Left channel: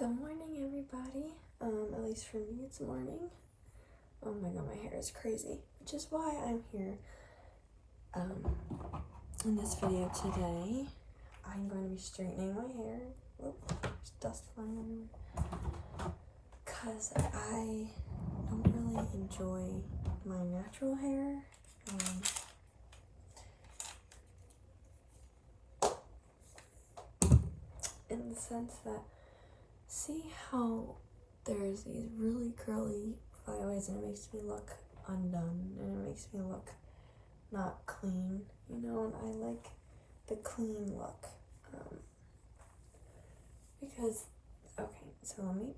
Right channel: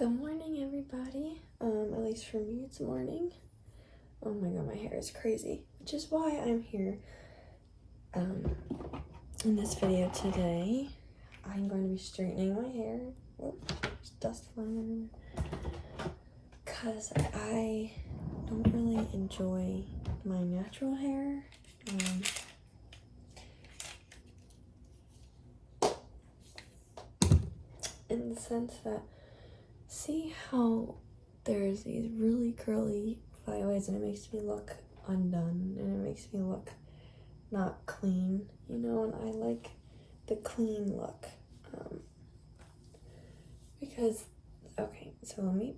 Good morning, everybody. At least for me, it's morning. Oh my god, my hair is crazy, which is why I'm here. In this video today, I'm going to be straightening my hair. Whoop, there's dust flying everywhere. Cause I don't really enjoy my natural hair. In the sense that, see how there's these really curly flyaways and it makes me look undone and it makes me look not clean, you know, and I like the clean look. Because, okay, so let me,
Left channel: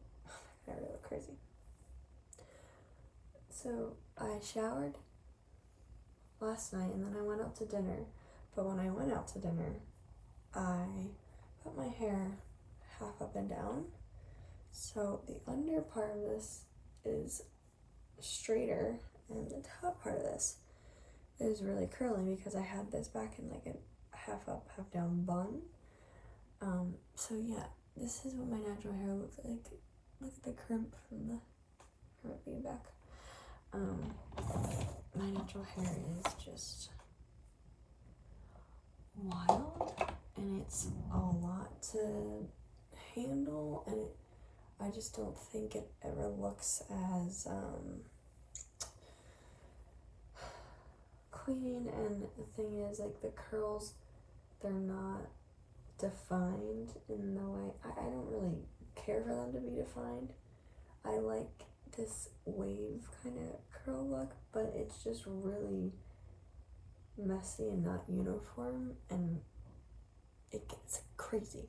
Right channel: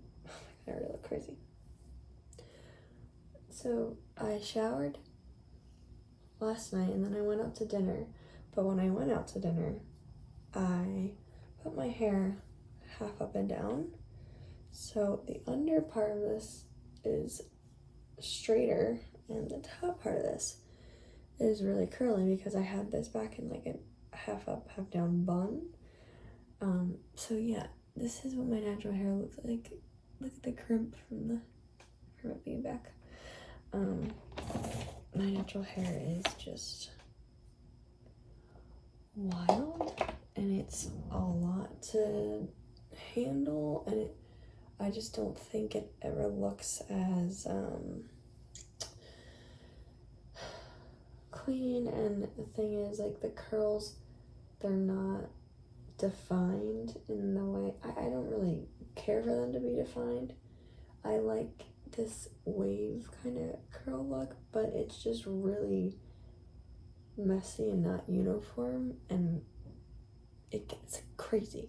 I already look crazy. So I showered last night and then I went out to dinner, but when I went out to dinner, I put my hair half up and down. So the under part of this is straighter and the top part of this is really curly because I had this back in like a half up, half down bun. So yeah, this is what my natural hair looks like. Look at the crimp from the being back. My natural hair is just wild and it's a lot to handle, and I just don't think it ever looks as clean. And the thing is, like, the curls, they're not defined in the way I don't really care for them to be defined. I like this wave kind of curl look, but it's just really messy and not uniform, and it gets crazy.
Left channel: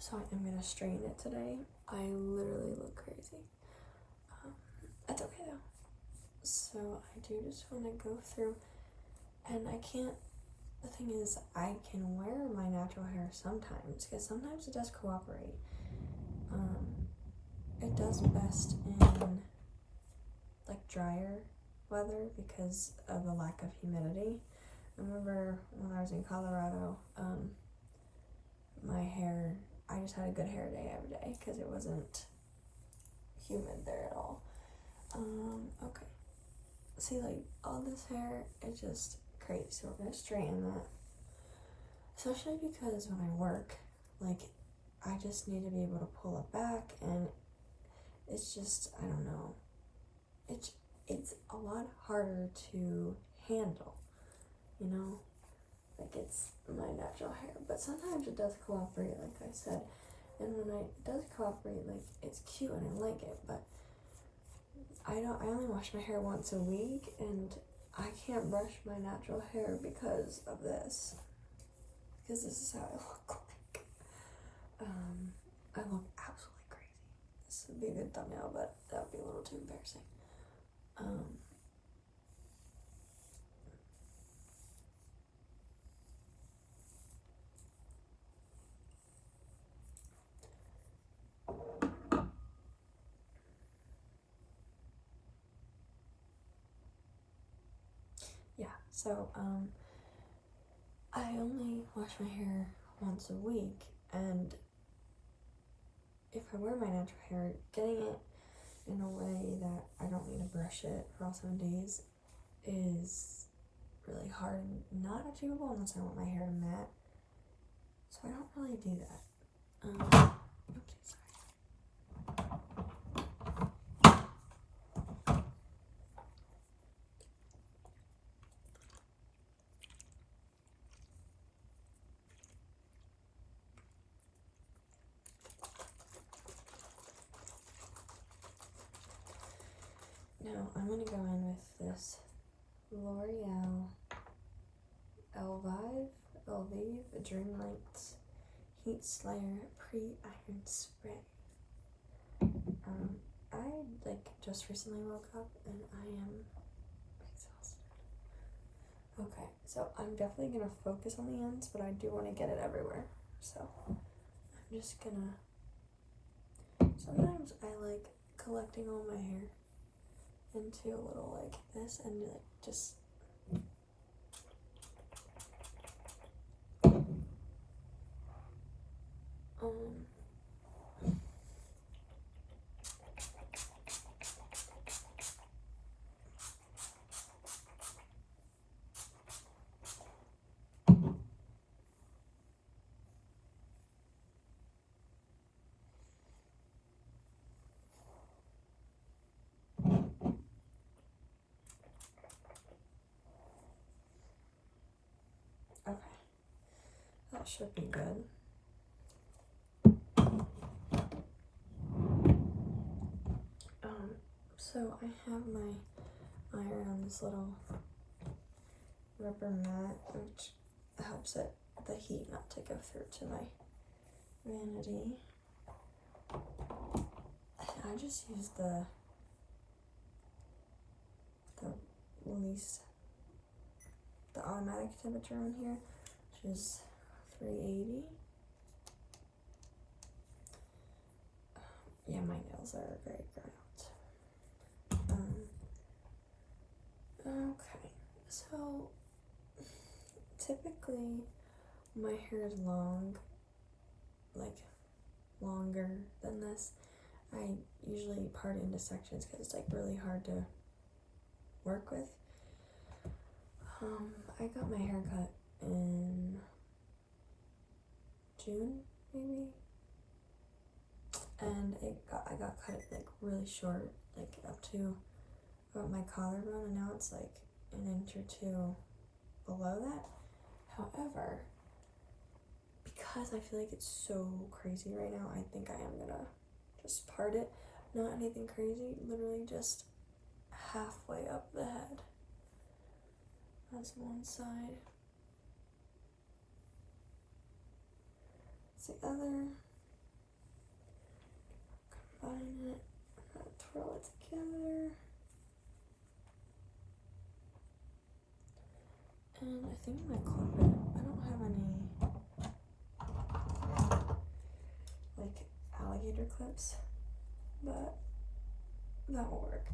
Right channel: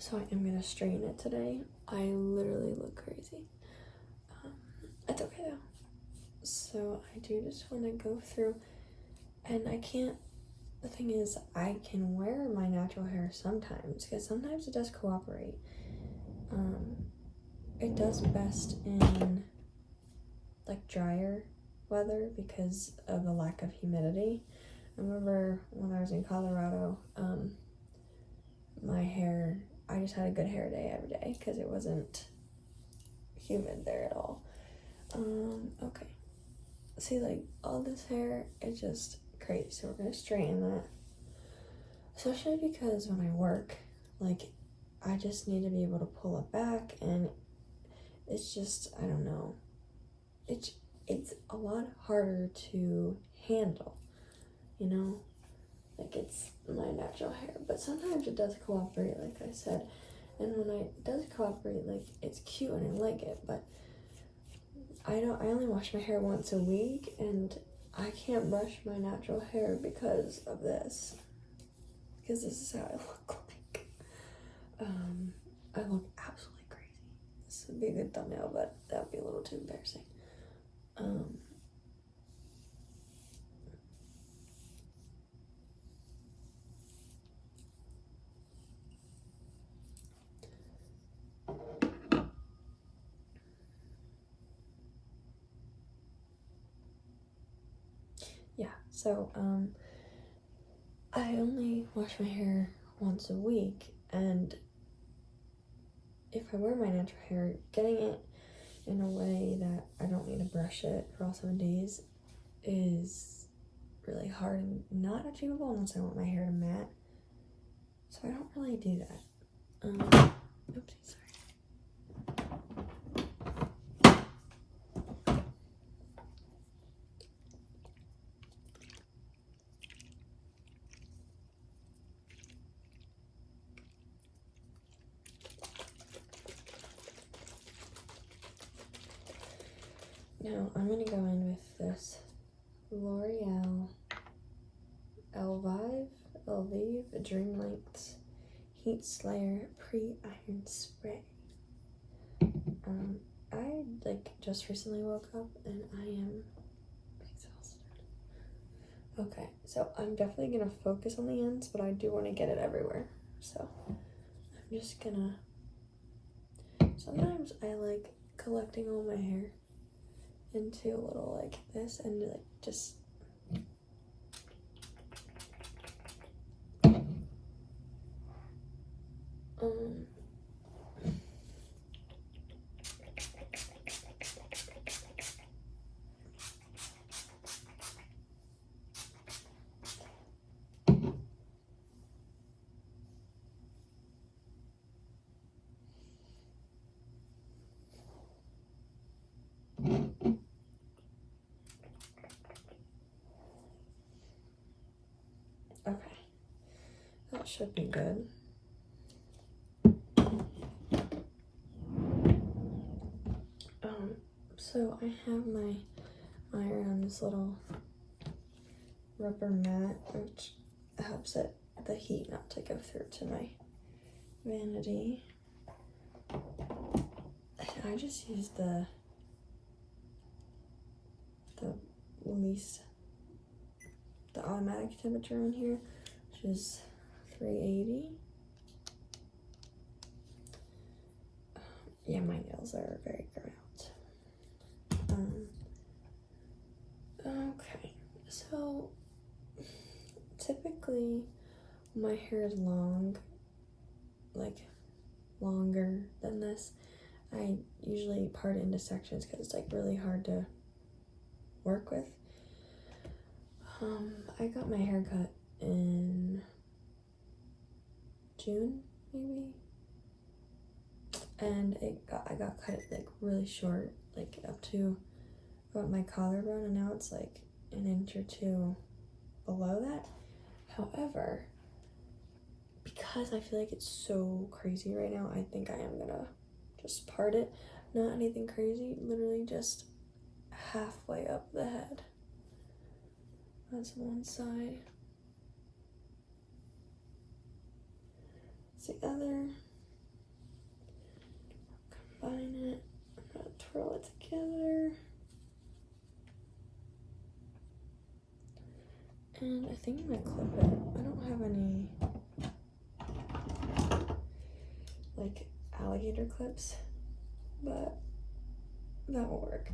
So I am gonna straighten it today. I literally look crazy. It's okay though. So I do just want to go through, and I can't, the thing is, I can wear my natural hair sometimes, because sometimes it does cooperate. It does best in like drier weather because of the lack of humidity. I remember when I was in Colorado, my hair, I just had a good hair day every day because it wasn't humid there at all. Okay. See, like, all this hair is just crazy, so we're gonna straighten that. Especially because when I work, like, I just need to be able to pull it back, and it's just, I don't know. It's a lot harder to handle, you know? Like, it's my natural hair, but sometimes it does cooperate, like I said. And when it does cooperate, like, it's cute and I like it, but I only wash my hair once a week, and I can't brush my natural hair because of this. Because this is how I look like. I look absolutely crazy. This would be a good thumbnail, but that would be a little too embarrassing. Yeah, so, I only wash my hair once a week, and if I wear my natural hair, getting it in a way that I don't need to brush it for all 7 days is really hard and not achievable unless I want my hair to matte. So I don't really do that. Oopsie, sorry. Now I'm gonna go in with this L'Oreal Elvive Dream Lengths Heat Slayer Pre-Iron Spray. I just recently woke up and I am exhausted. Okay, so I'm definitely gonna focus on the ends, but I do want to get it everywhere. So I'm just gonna, sometimes I like collecting all my hair into a little like this and like just Um, okay, that should be good. So I have my iron on this little rubber mat, which helps the heat not to go through to my vanity. I just use the automatic temperature on here, which is 380. Yeah, my nails are very grown out. Okay, so typically my hair is long, like longer than this. I usually part it into sections because it's like really hard to work with. I got my hair cut in June, maybe, and I got cut like really short, like up to about my collarbone, and now it's like an inch or two below that. However, because I feel like it's so crazy right now, I think I am gonna just part it. Not anything crazy, literally just halfway up the head. That's one side. That's the other. Combine it. I'm gonna twirl it together. And I think I'm gonna clip it. I don't have any like alligator clips, but that will work.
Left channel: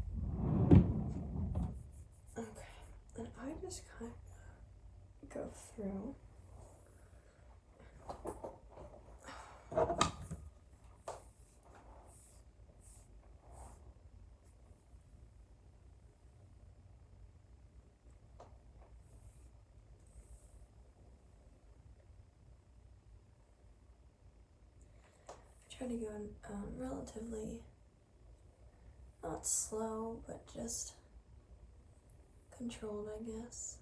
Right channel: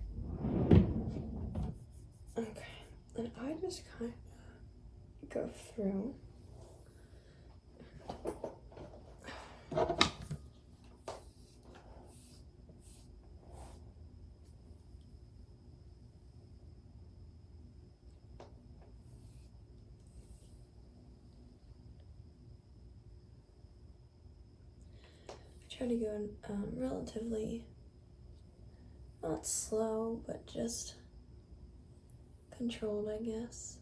Okay, and I just kind of go through. Try to go relatively, not slow, but just controlled, I guess.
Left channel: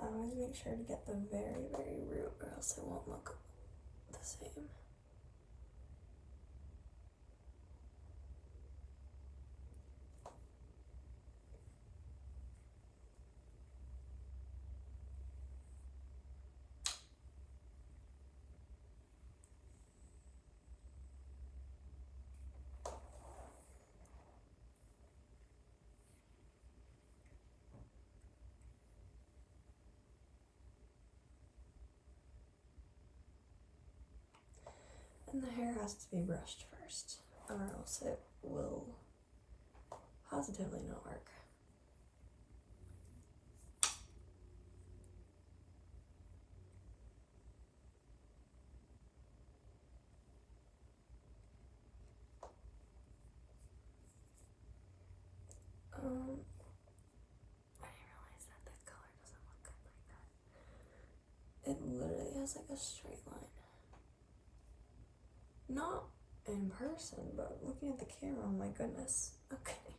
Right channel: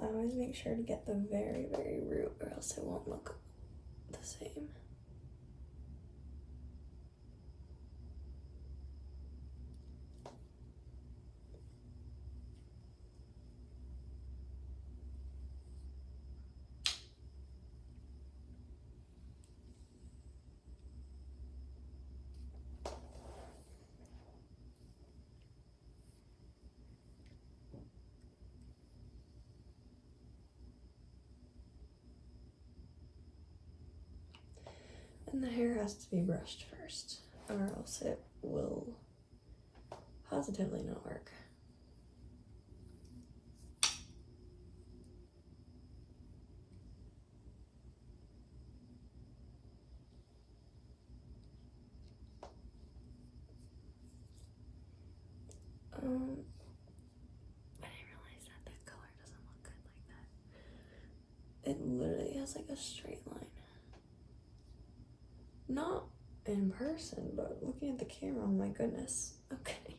I always make sure to get the very, very root, or else it won't look the same. And the hair has to be brushed first, or else it will positively not work. I didn't realize that color doesn't look good like that. It literally has like a straight line. Not in person, but looking at the camera, oh my goodness. Okay.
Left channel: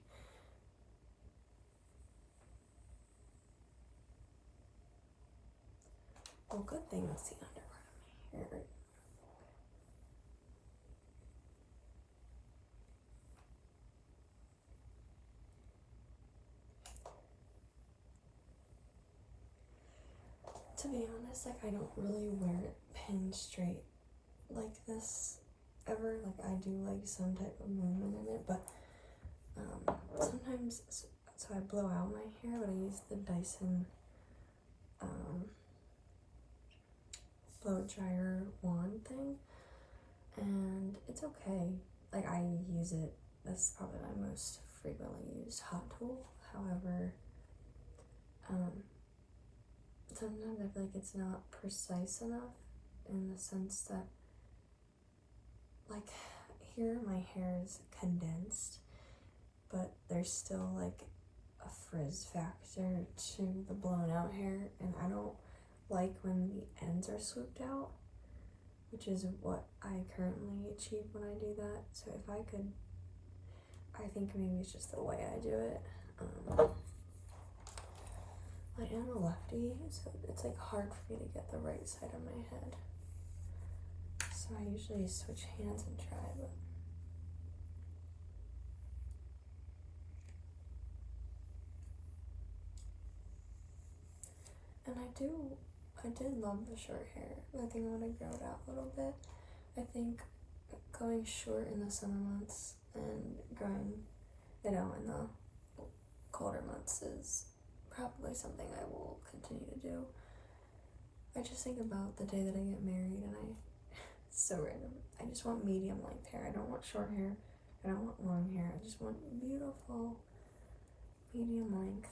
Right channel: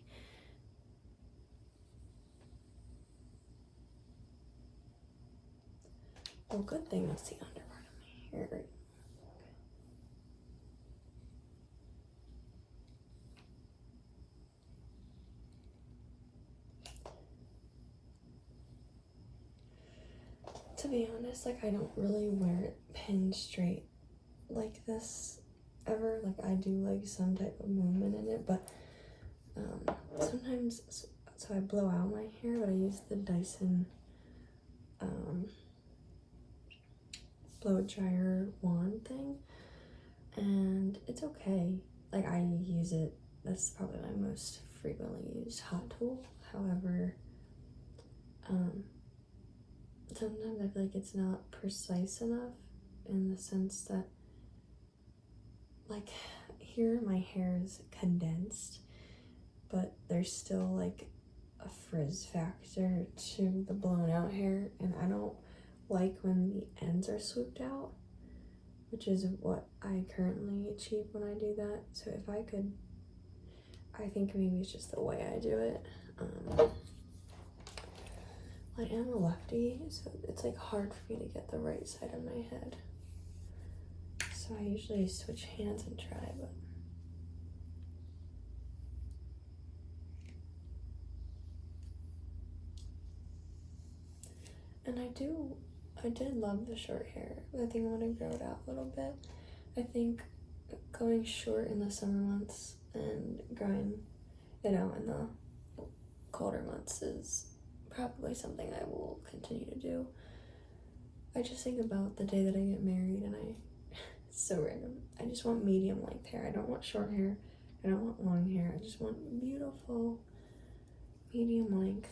Well, good thing that's the under part of my hair. Okay. To be honest, like I don't really wear it pinned straight like this ever. Like I do like some type of movement in it, but sometimes so I blow out my hair, but I use the Dyson blow dryer wand thing, and it's okay. Like, I use it, that's probably my most frequently used hot tool. However, sometimes I feel like it's not precise enough, in the sense that, like, here my hair is condensed, but there's still like a frizz factor to the blown out hair, and I don't like when the ends are swooped out, which is what I currently achieve when I do that. So if I could, I think maybe it's just the way I do it. I am a lefty, so it's like hard for me to get the right side of my head. So I usually switch hands and try, but and I did love the short hair. I think I'm gonna grow it out a little bit. I think going short in the summer months and growing it out in the colder months is probably something I will continue to do. I just think about the day that I get married, and it's so random. I just want medium length hair. I don't want short hair. I don't want long hair. I just want beautiful medium length.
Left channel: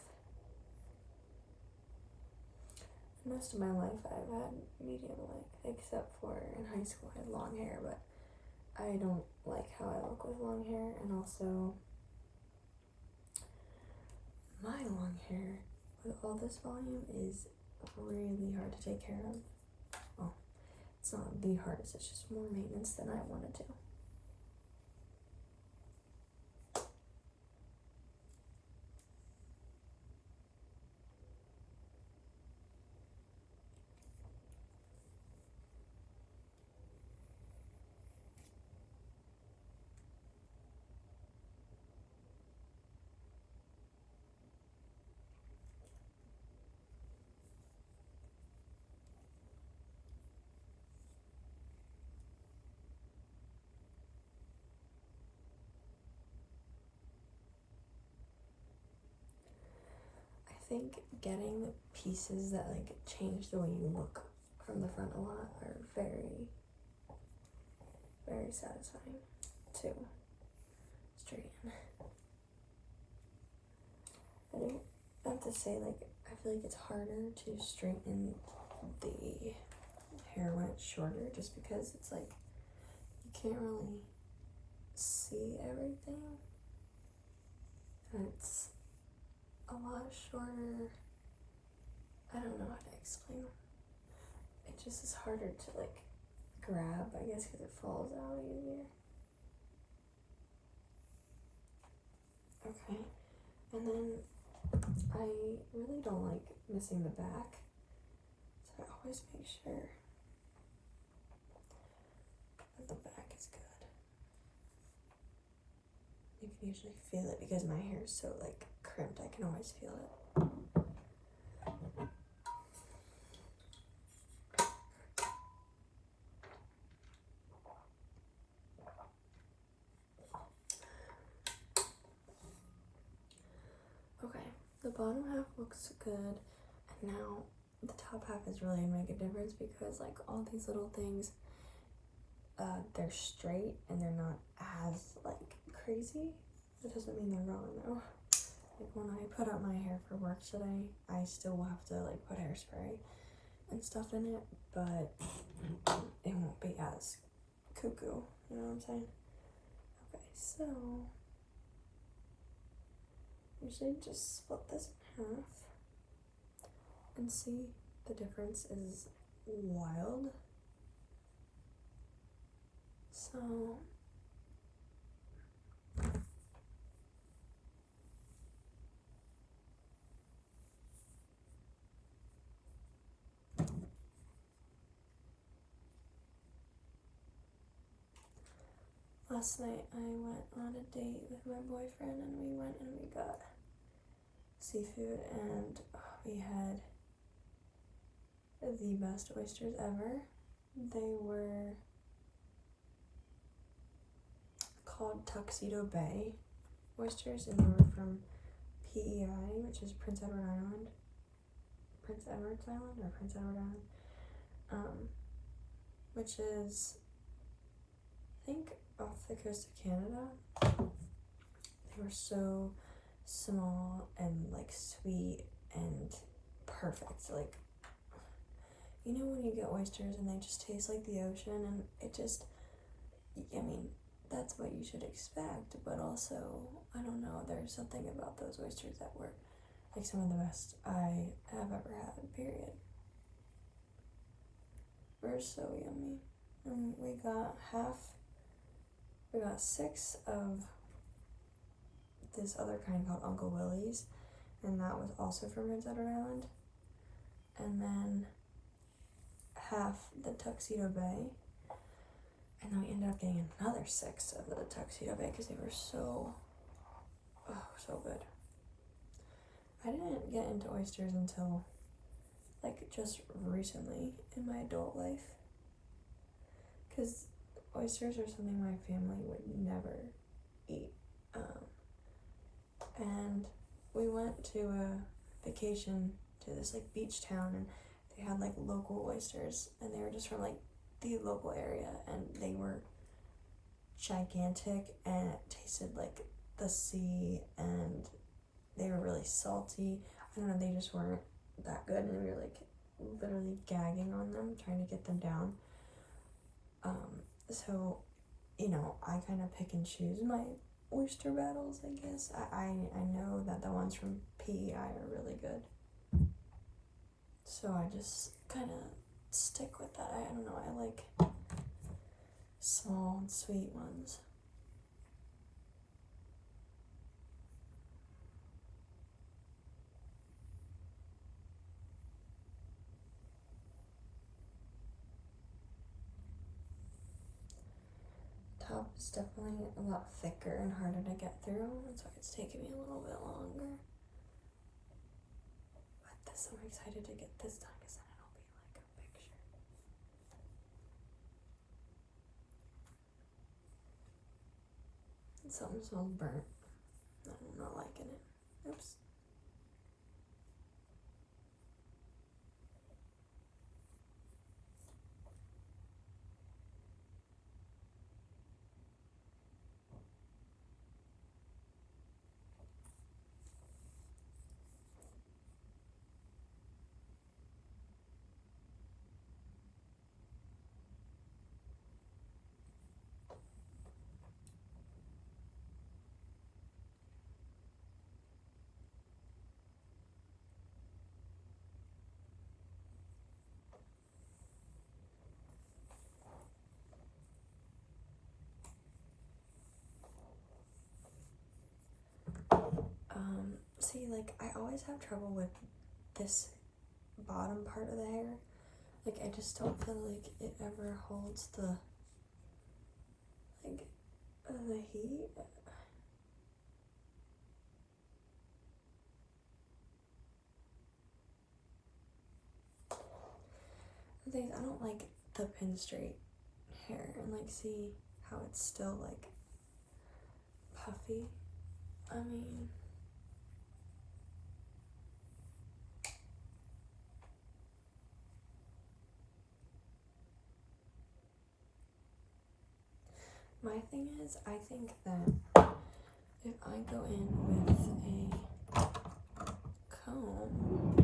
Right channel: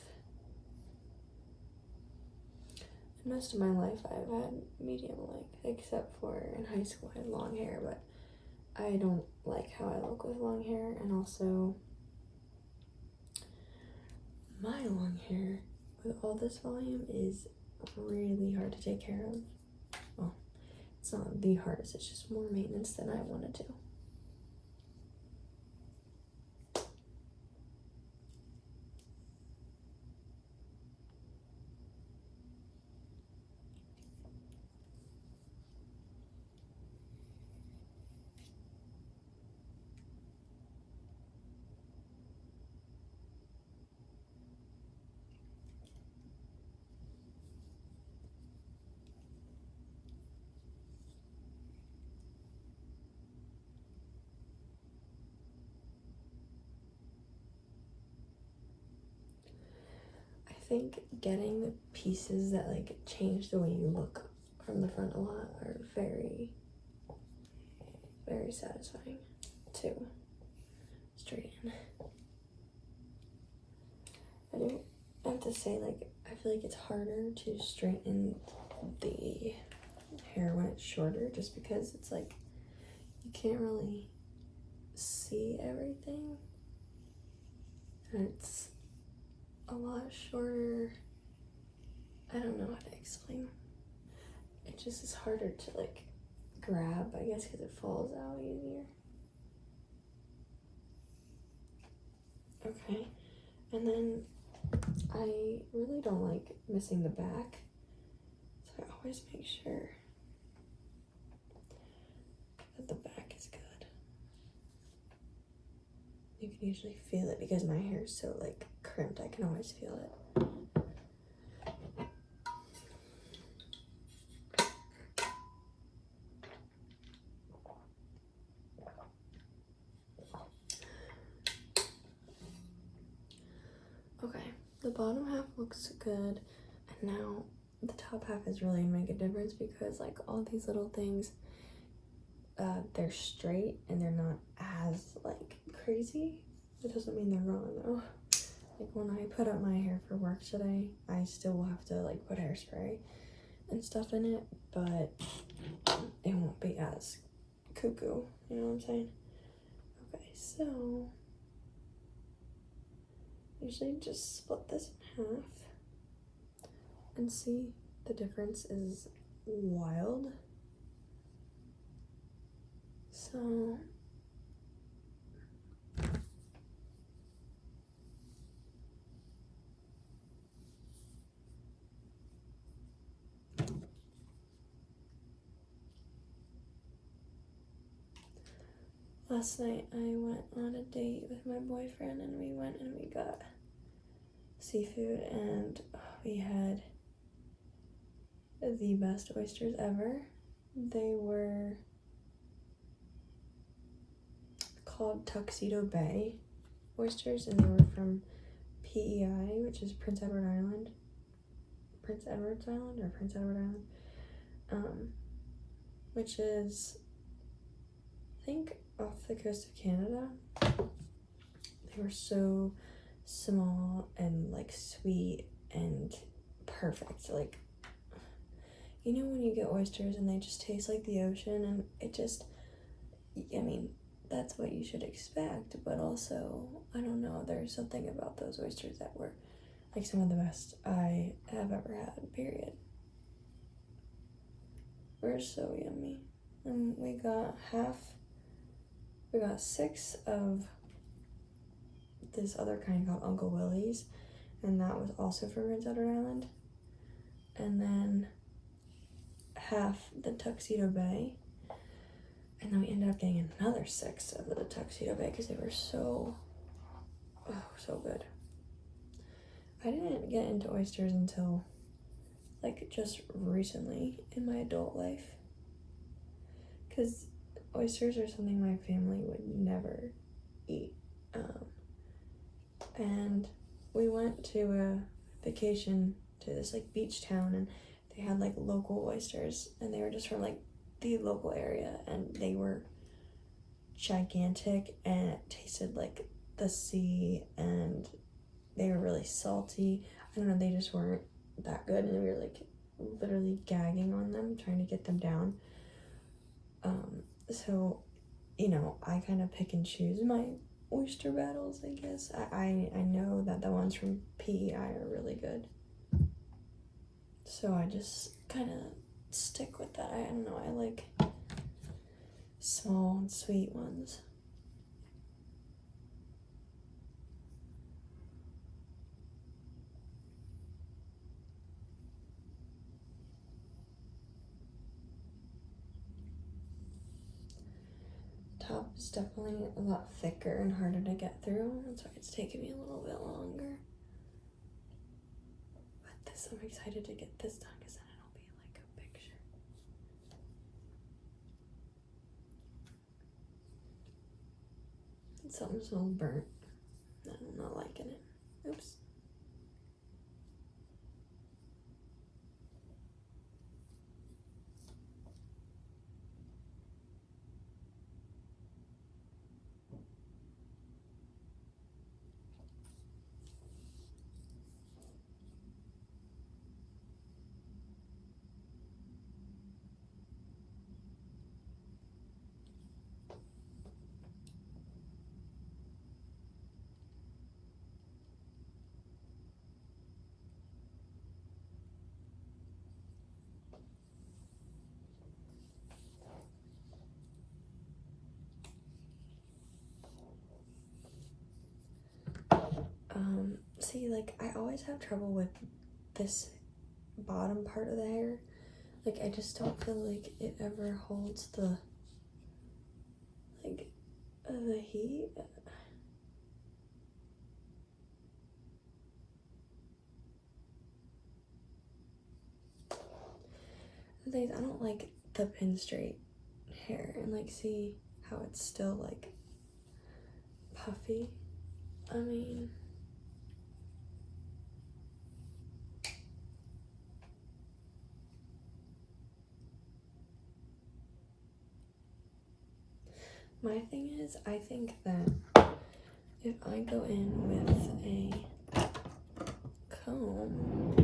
Most of my life I've had medium length, except for in high school I had long hair, but I don't like how I look with long hair, and also my long hair with all this volume is really hard to take care of. Well, it's not the hardest, it's just more maintenance than I want to do. I think getting the pieces that like change the way you look from the front a lot are very, very satisfying to straighten. I have to say, like, I feel like it's harder to straighten the hair when it's shorter, just because it's like you can't really see everything, and it's a lot shorter. I don't know how to explain. It just is harder to like grab, I guess, because it falls out easier. Okay, and then I really don't like missing the back, so I always make sure that the back is good. You can usually feel it because my hair is so like crimped, I can always feel it. Okay, the bottom half looks good, and now the top half is really gonna make a difference, because like all these little things, they're straight and they're not as like crazy. It doesn't mean they're wrong though. Like when I put up my hair for work today, I still will have to like put hairspray and stuff in it, but it won't be as cuckoo, you know what I'm saying? Okay, so usually just split this in half and see, the difference is wild. So last night I went on a date with my boyfriend, and we went and we got seafood, and we had the best oysters ever. They were called Tuxedo Bay oysters, and they were from PEI, which is Prince Edward Island. Prince Edward's Island or Prince Edward Island, which is, I think, off the coast of Canada. They were so small and like sweet and perfect. Like, you know when you get oysters and they just taste like the ocean, and it just, I mean, that's what you should expect, but also, I don't know, there's something about those oysters that were like some of the best I have ever had, period. We're so yummy. And we got 6 of this other kind called Uncle Willie's, and that was also from Prince Edward Island. And then half the Tuxedo Bay. And then we ended up getting another 6 of the Tuxedo Bay because they were so good. I didn't get into oysters until like just recently in my adult life, because oysters are something my family would never eat. And we went to a vacation to this like beach town, and they had like local oysters, and they were just from like the local area, and they were gigantic, and it tasted like the sea, and they were really salty. I don't know, they just weren't that good, and we were like literally gagging on them, trying to get them down. So, you know, I kind of pick and choose my oyster battles, I guess. I know that the ones from PEI are really good, so I just kind of stick with that. I don't know, I like small and sweet ones. Top is definitely a lot thicker and harder to get through. That's why it's taking me a little bit longer. But this, I'm excited to get this done, because then it'll be like a picture. Something smells burnt. I'm not liking it. Oops. See, like, I always have trouble with this bottom part of the hair. Like, I just don't feel like it ever holds the, like, the heat. The thing is, I don't like the pin straight hair, and like, see how it's still like puffy. I mean, my thing is, I think that if I go in with a comb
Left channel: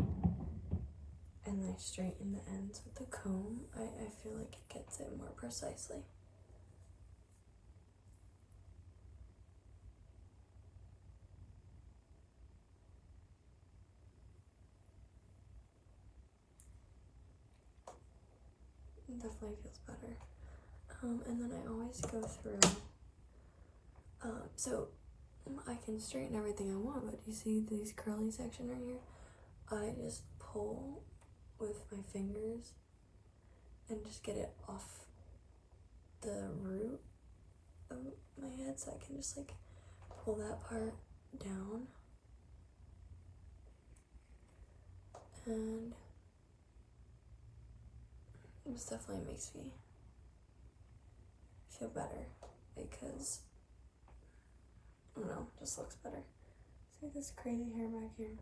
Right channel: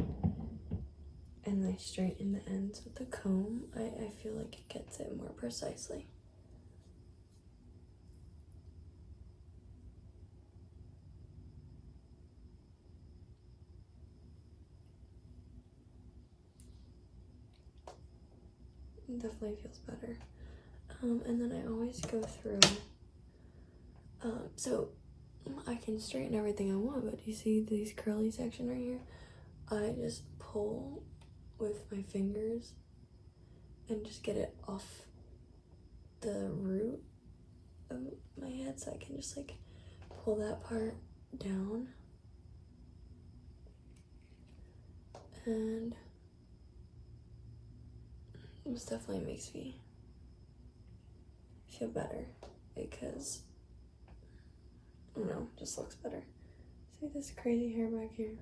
and I straighten the ends with the comb, I feel like it gets it more precisely. It definitely feels better. And then I always go through, so I can straighten everything I want, but you see these curly section right here? I just pull with my fingers and just get it off the root of my head, so I can just like pull that part down, and this definitely makes me feel better, because I don't know, it just looks better. Look at this crazy hair back here.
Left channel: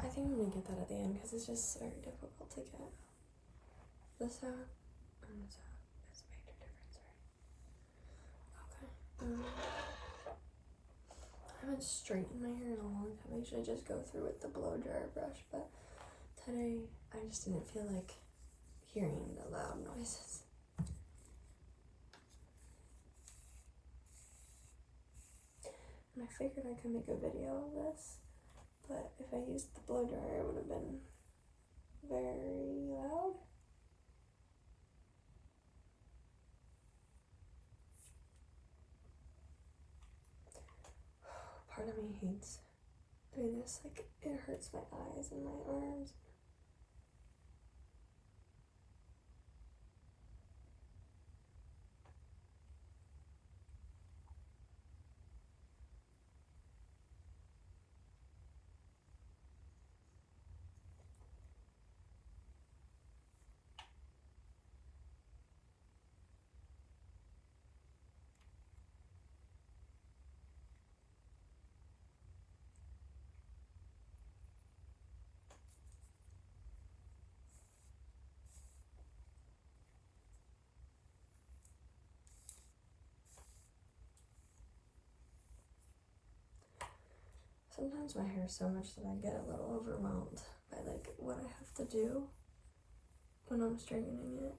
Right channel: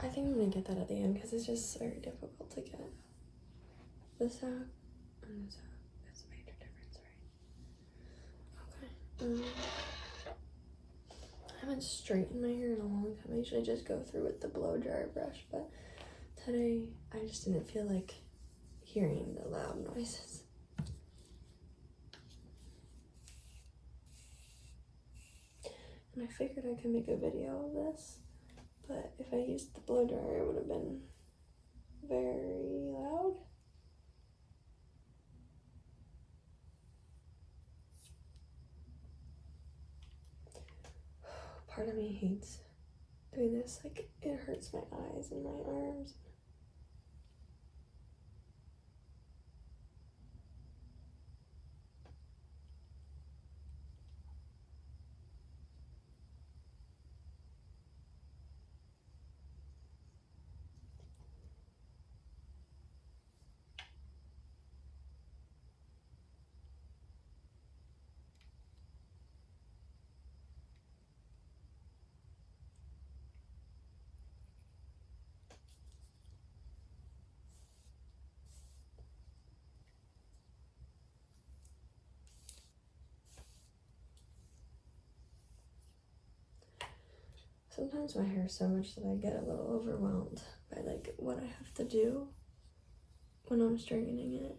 I think I'm gonna get that at the end because it's just very difficult to get this out and this out. It's a major difference, right? Okay. I haven't straightened my hair in a long time. I usually just go through with the blow dryer brush, but today I just didn't feel like hearing the loud noises. And I figured I could make a video of this, but if I used the blow dryer, it would have been very loud. Part of me hates doing this. Like, it hurts my eyes and my arms. Sometimes my hair is so much that I get a little overwhelmed by like what I have to do when I'm straightening it.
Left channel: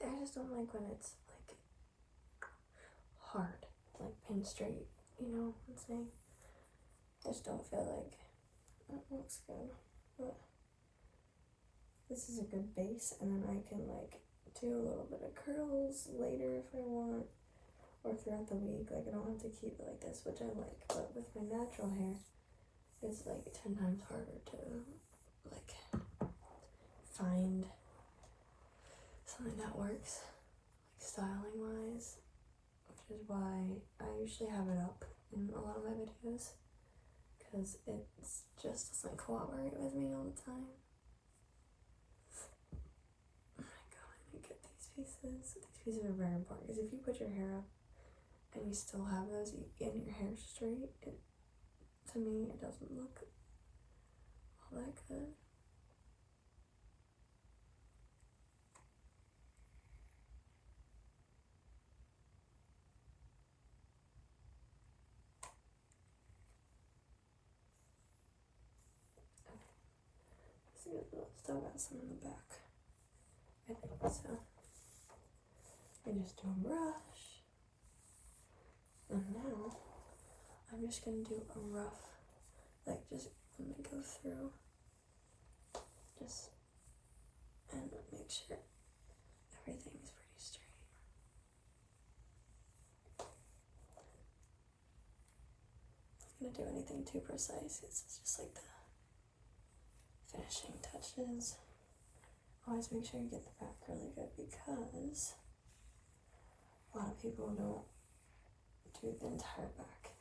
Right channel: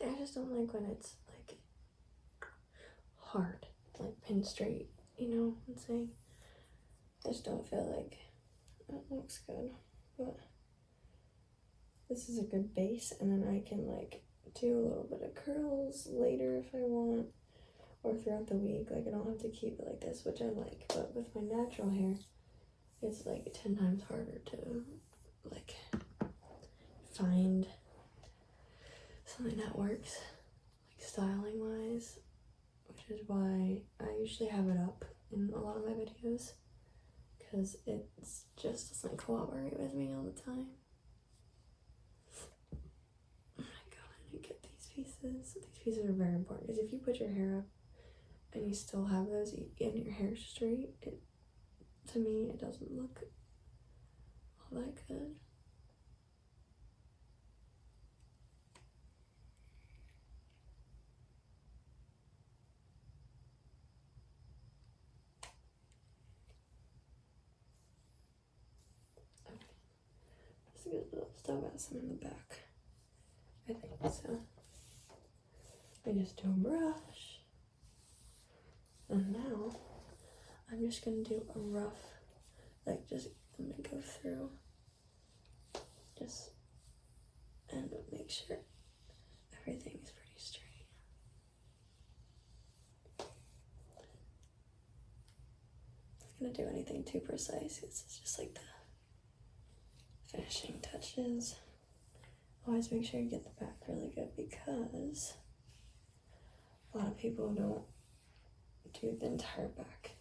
See, I just don't like when it's like hard, like pin straight, you know what I'm saying? I just don't feel like it looks good, but this is a good base, and then I can like do a little bit of curls later if I want, or throughout the week. Like, I don't have to keep it like this, which I like, but with my natural hair, it's like 10 times harder to like find something that works, like styling wise, which is why I usually have it up in a lot of my videos, because it just doesn't cooperate with me all the time. Oh my god, I need to get these pieces. These pieces are very important, because if you put your hair up and you still have those and your hair straight, to me it doesn't look all that good. Still got some in the back. I think so. I just do a brush. And now I'm just gonna do a rough, like just let me go through. Just and make sure everything is pretty straight. I'm not gonna do anything too precise. It's just like the finishing touches. Always make sure you get the back really good because a lot of people don't do the entire back.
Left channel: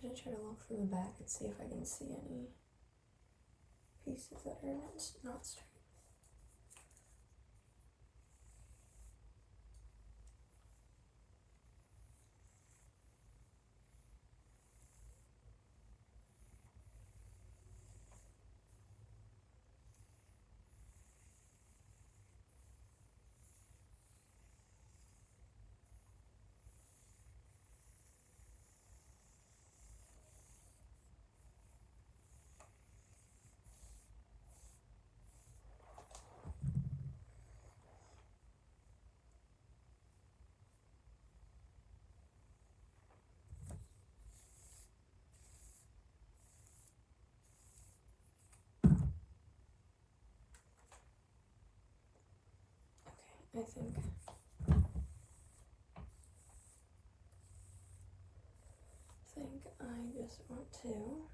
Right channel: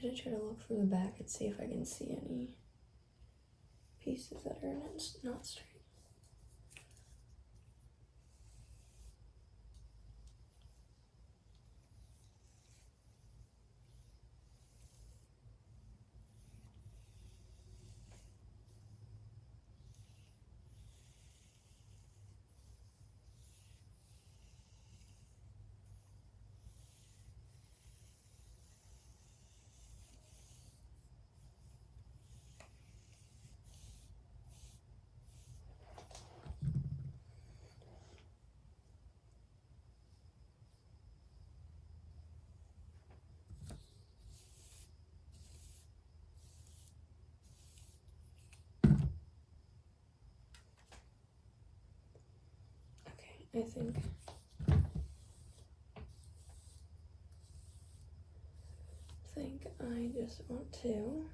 I should try to look from the back and see if I can see any pieces that are not straight. I think I just want to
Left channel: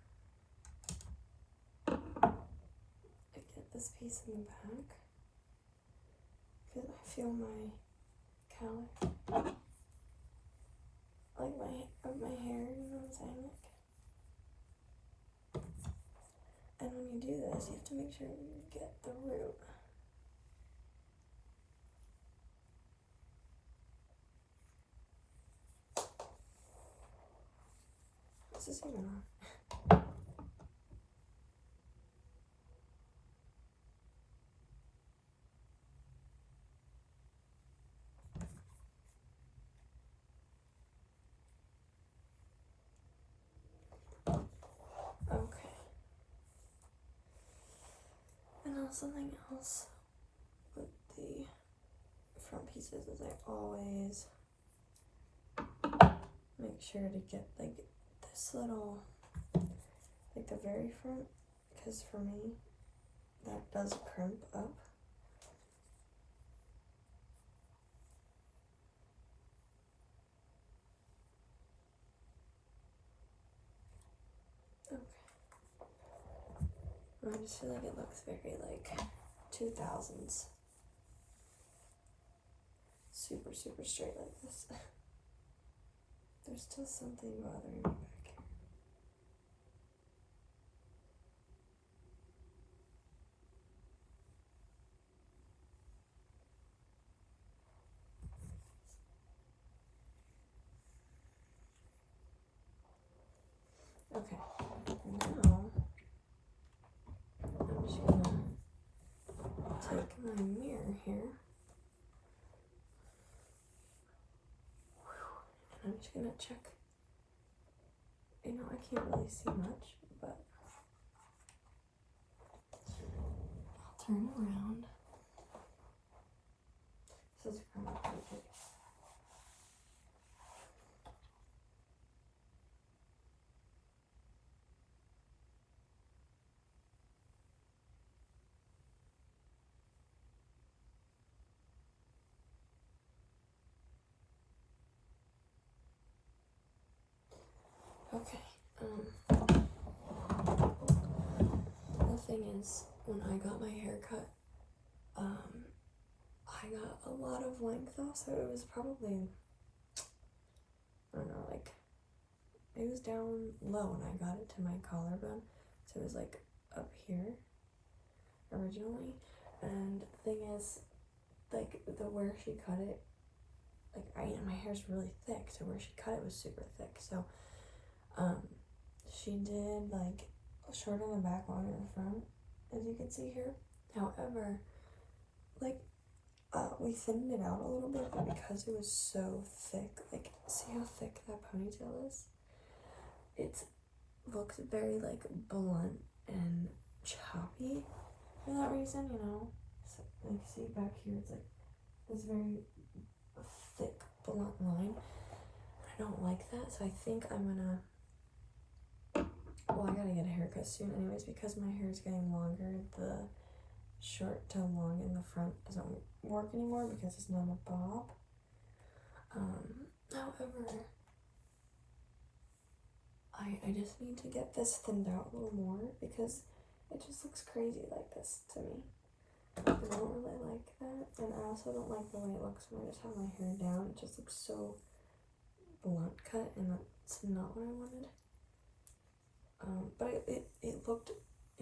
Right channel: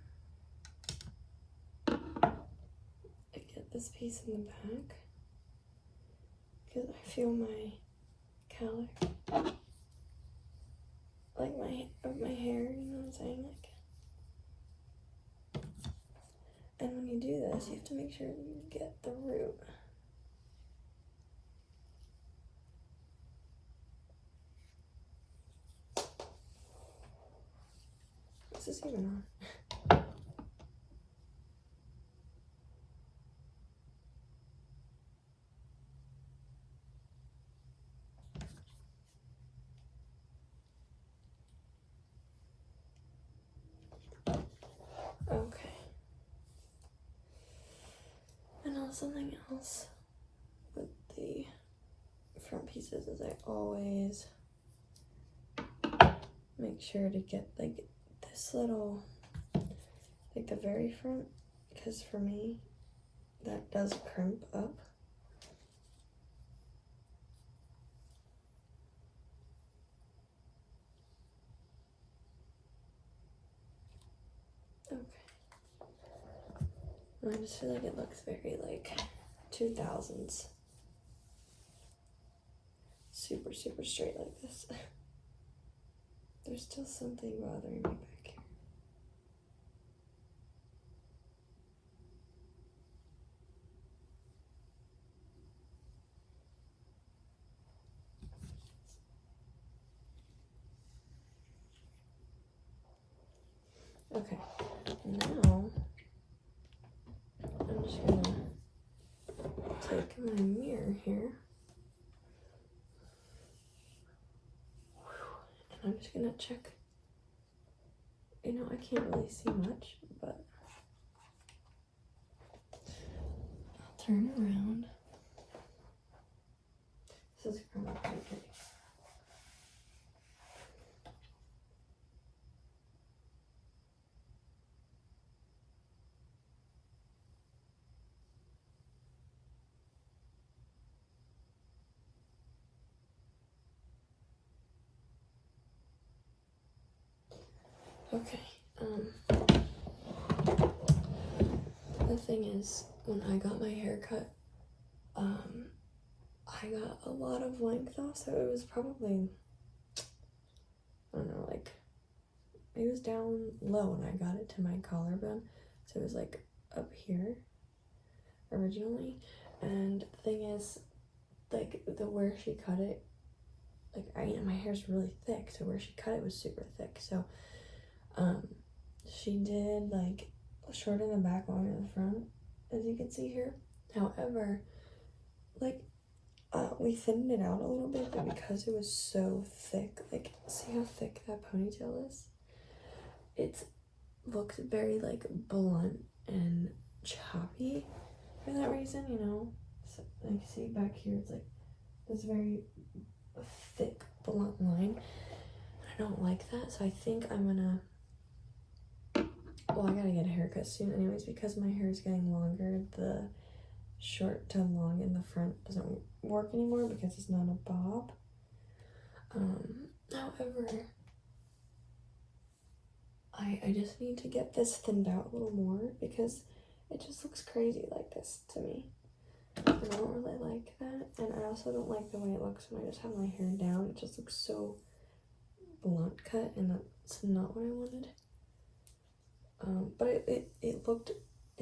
get this piece in the back because I feel my cowlick, like my hair, you know what I'm saying? Like, and when you do this, you have to make sure you get the root. What's this even on? Okay. And now something else with the front pieces is I always make sure to get like this little, like the very front, because for me that does crimp up. Okay. I just feel like it looks very like 2000s. Super straight like this. There's still something bothering me back here. Okay, now I'm just gonna take my mirror here. And I'm just gonna check. You know, I can't really see much, but I'll turn around. This is kind of pretty good. Okay, the thing is, when I got my hair cut, I got a lot of length off, so it was probably, I don't know, like, it was down low when I got it to my collarbone, so it was like up here originally, and the thing is, like, where she cut it, like, my hair's really thick, so where she cut it was super thick, so she did like short in the back, long in the front, as you can see here. However, like, we thinned it out a little bit, but because it was so thick, like, see how thick that ponytail is? It looks very, like, blunt and choppy for that reason, you know? So, like, see back here, it's like this very thick, blunt line. I don't like that, so I think I'm gonna, well, I gotta get a haircut soon anyways, because my hair is getting longer. The short to long in the front doesn't work anymore because it's not a bob. However, I just need to get this thinned out a little more because it just looks crazy like this to me. And I don't really like that, and I also don't like the way it looks when I just have my hair down. It just looks so blunt cut, and that's not what I wanted. But it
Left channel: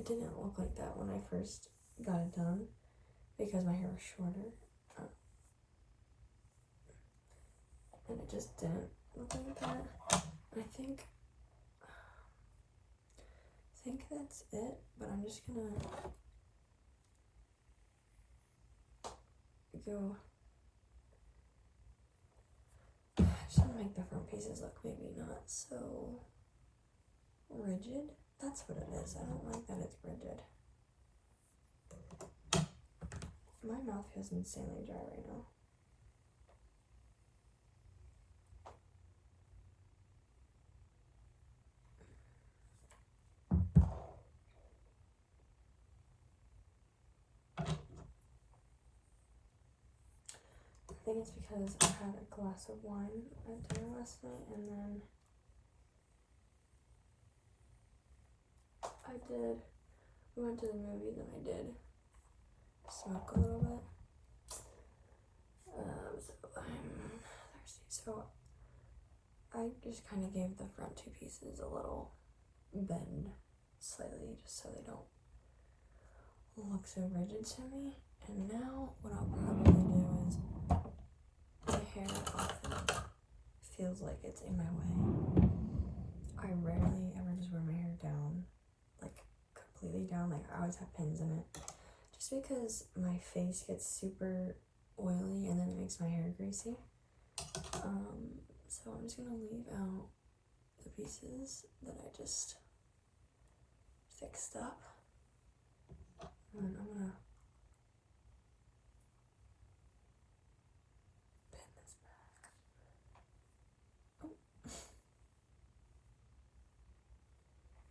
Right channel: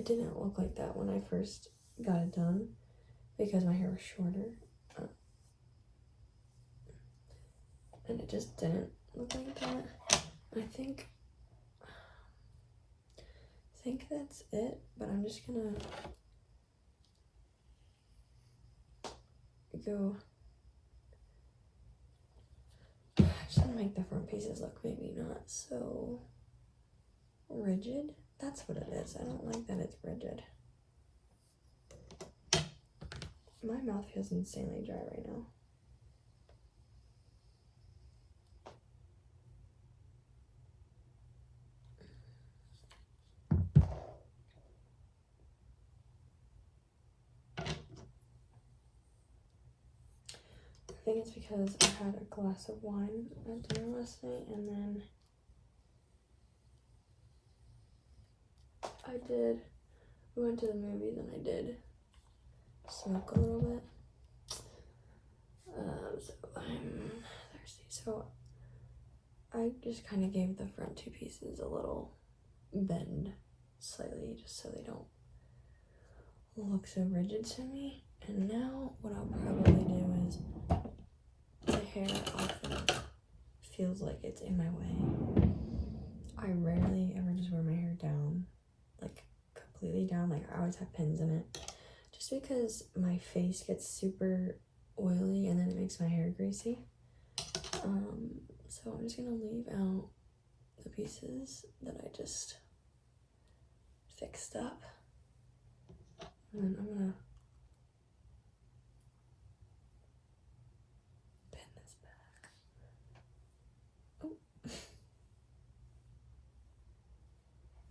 didn't look like that when I first got it done because my hair was shorter. And it just didn't look like that. I think that's it, but I'm just gonna go, just gonna make the front pieces look maybe not so rigid. That's what it is. I don't like that it's rigid. My mouth feels insanely dry right now. I think it's because I had a glass of wine at dinner last night, and then we went to the movies, and I did smoke a little bit. So I'm thirsty. So I just kind of gave the front two pieces a little bend slightly, just so they don't look so rigid to me. And now what I'll probably do is the hair often feels like it's in my way. I rarely ever just wear my hair down, like completely down. Like I always have pins in it, just because my face gets super oily and then it makes my hair greasy. So I'm just gonna leave out the pieces that I just fixed up, and then I'm gonna pin this back. Oh.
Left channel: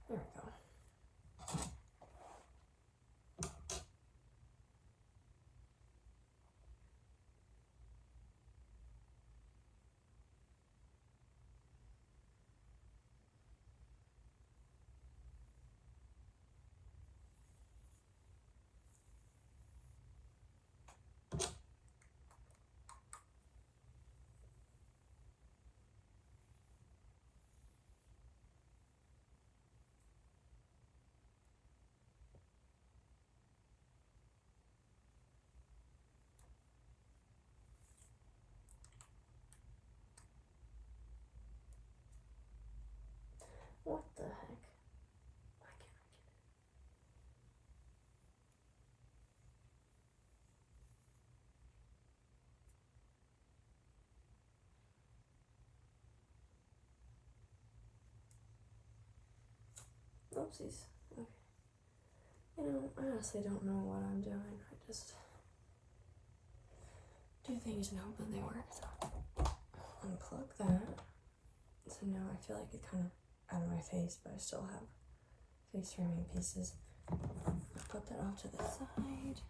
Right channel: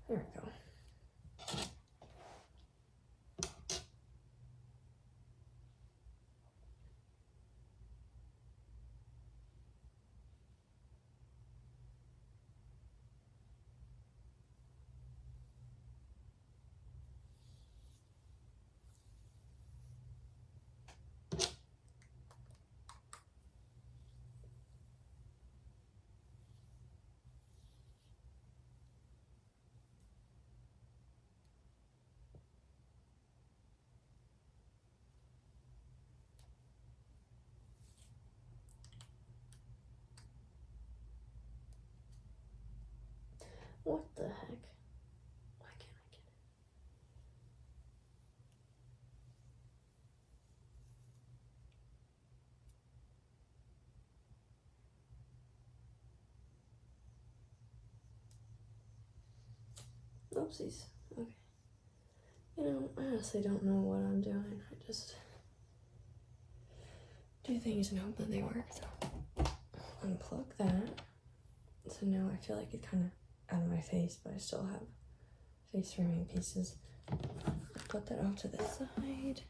There we go. What the heck? Why can't I get it? Oopsies. Okay. You know, I honestly don't know what I'm doing. I just do things and hope that they work. So unplug that. So now I feel like it's kind of out of my face, but I still have face framing pieces. I'll put that off to the side.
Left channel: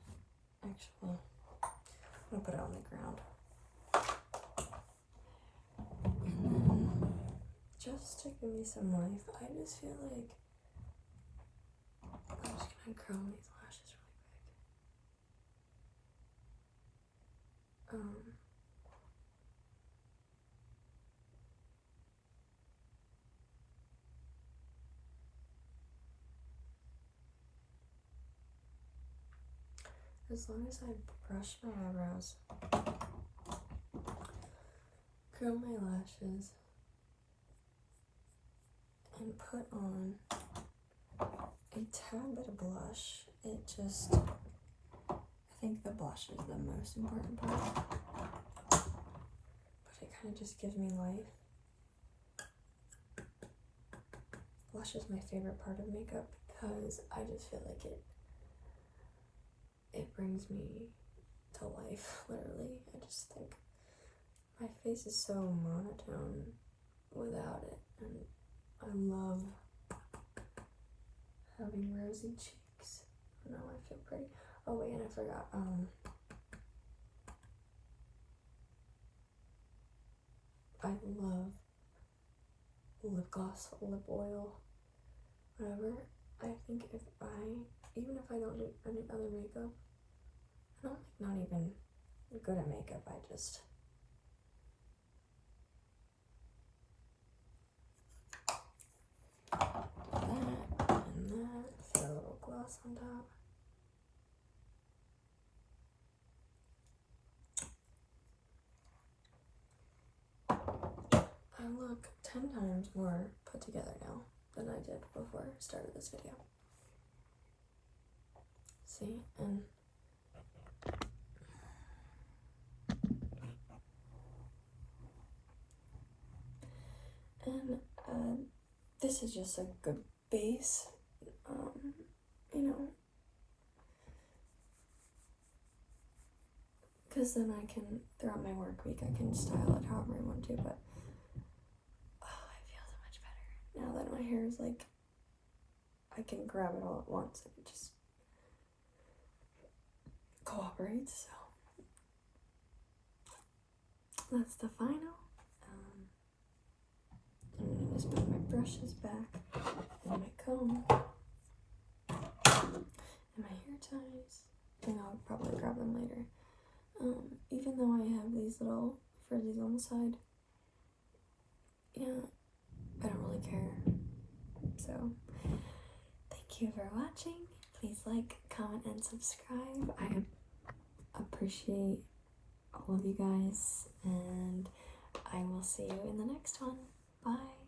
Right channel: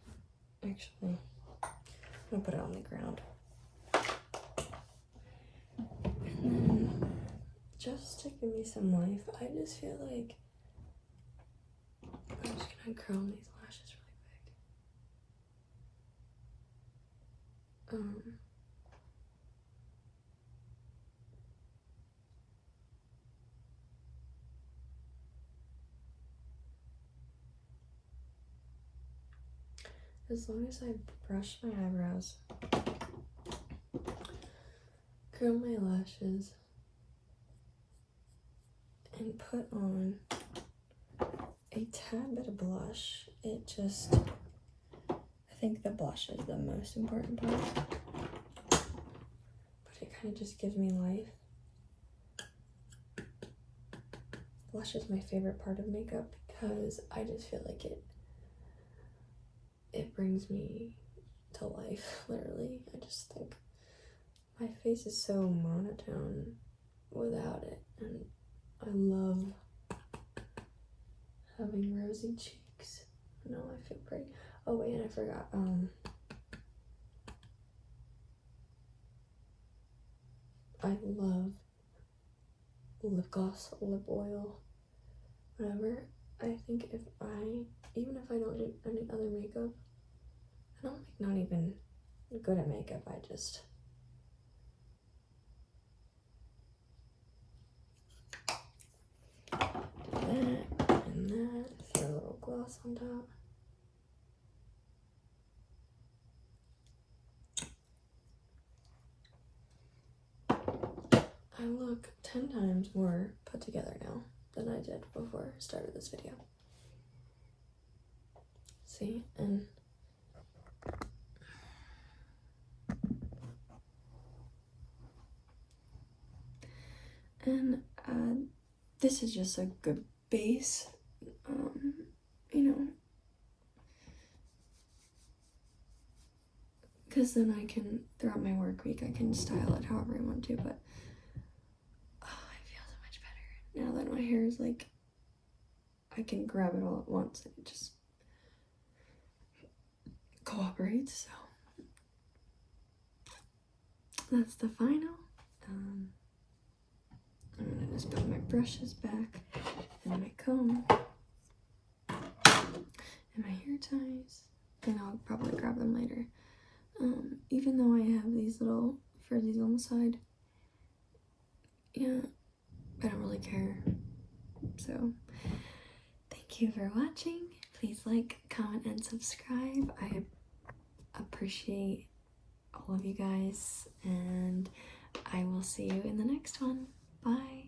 Actually, I'm gonna put it on the ground. And then, just to give me some life, I just feel like I'm just gonna curl these lashes really quick. As long as I brush my eyebrows, curl my lashes, and put on a tad bit of blush. I think the blush is the most important part. But it kind of just gives me life. Blush is my favorite part of makeup because I just feel like it brings me to life, literally. I just think my face is so monotone without it, and I love having rosy cheeks. No, I feel pretty. Oh wait, and I forgot, I love lip gloss, lip oil, whatever. I think even if I don't do any other makeup, I'm not even good at makeup, I just do that and that, throw a little gloss on top. I look 10 times more put together now than I did before I started this video. See, and this is just a good base, you know, because then I can, throughout my work week, I can style it however I want to, but I feel so much better now that my hair is like, I can grab it all at once and it just cooperates. So that's the final. I'm gonna just put my brushes back and my comb and my hair ties, and I'll probably grab them later. Even though I have these little frizzies on the side, yeah, I don't really care. So thank you for watching. Please like, comment, and subscribe. I appreciate all of you guys, and I will see you in the next one. Bye.